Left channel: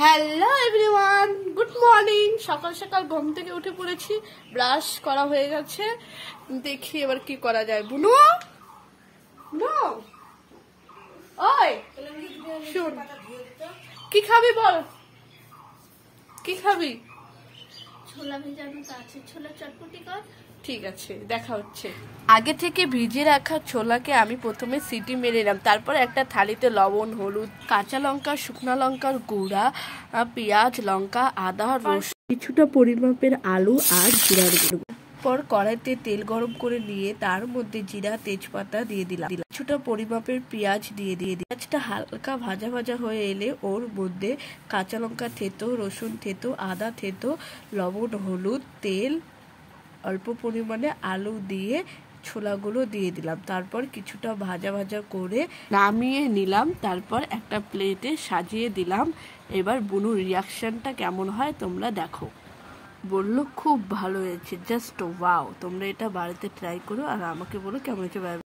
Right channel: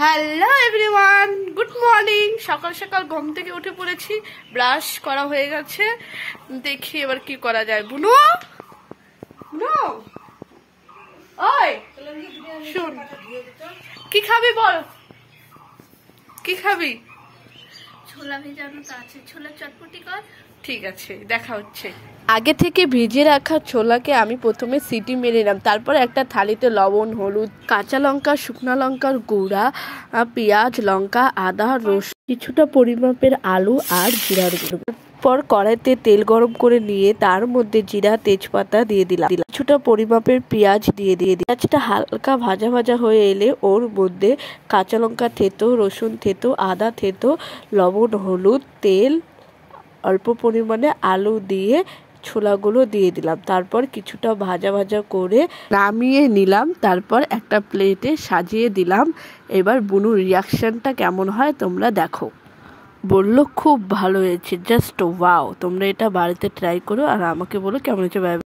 Hello everyone, good morning. সকাল সকাল ঘুম থেকে উঠে পড়েছি, ব্রাশ করা হয়ে গেছে। দেখি এবার কি করা যায়। বুনু ওই শুন, কি খাবি বল, কি খাবি? ছোলা ভেজানো তো আছে, ছোলা চটপটি কর। ঠিক আছে, দেখা হচ্ছে। আগে থেকে ভিজিয়ে রাখা ছোলাকে আমি প্রথমে সিটি মেরে নিলাম। তারপর একটা থালিতে লবণ, হলুদ, কাঁচা লঙ্কা, শুকনো লঙ্কার গুঁড়া, পেঁয়াজ, লঙ্কা, আদা, রসুন, কিছুটা পরিমাপের আলু আর জিরার গুঁড়ো। পর কড়াইতে তেল গরম করে নিয়ে তার মধ্যে জিরা, তেজপাতা দিয়ে দিলাম। কিছুটা পরিমাপের পেঁয়াজ দিয়ে পেঁয়াজটা হালকা ভাজা ভাজা হয়ে এলে ওর মধ্যে কাঁচা লঙ্কা থেতো, রসুন থেতো, আদা থেতো, লবণ, হলুদ, তেল, অল্প পরিমাণে আলু দিয়ে ছোলাগুলো দিয়ে দিলাম। তারপর কিছুটা ভাজা ভাজা করে নামিয়ে নিলাম। তারপর একটা প্লেটে সাজিয়ে দিলাম। এবার বুনুর রিয়াকশনটা কেমন হয় তোমরা দেখো। বললো খুব ভালো হয়েছে, জাস্ট ওয়াও। তোমরা এটা বাড়িতে ট্রাই করো আর আমাকে বলো কেমন হয়েছে।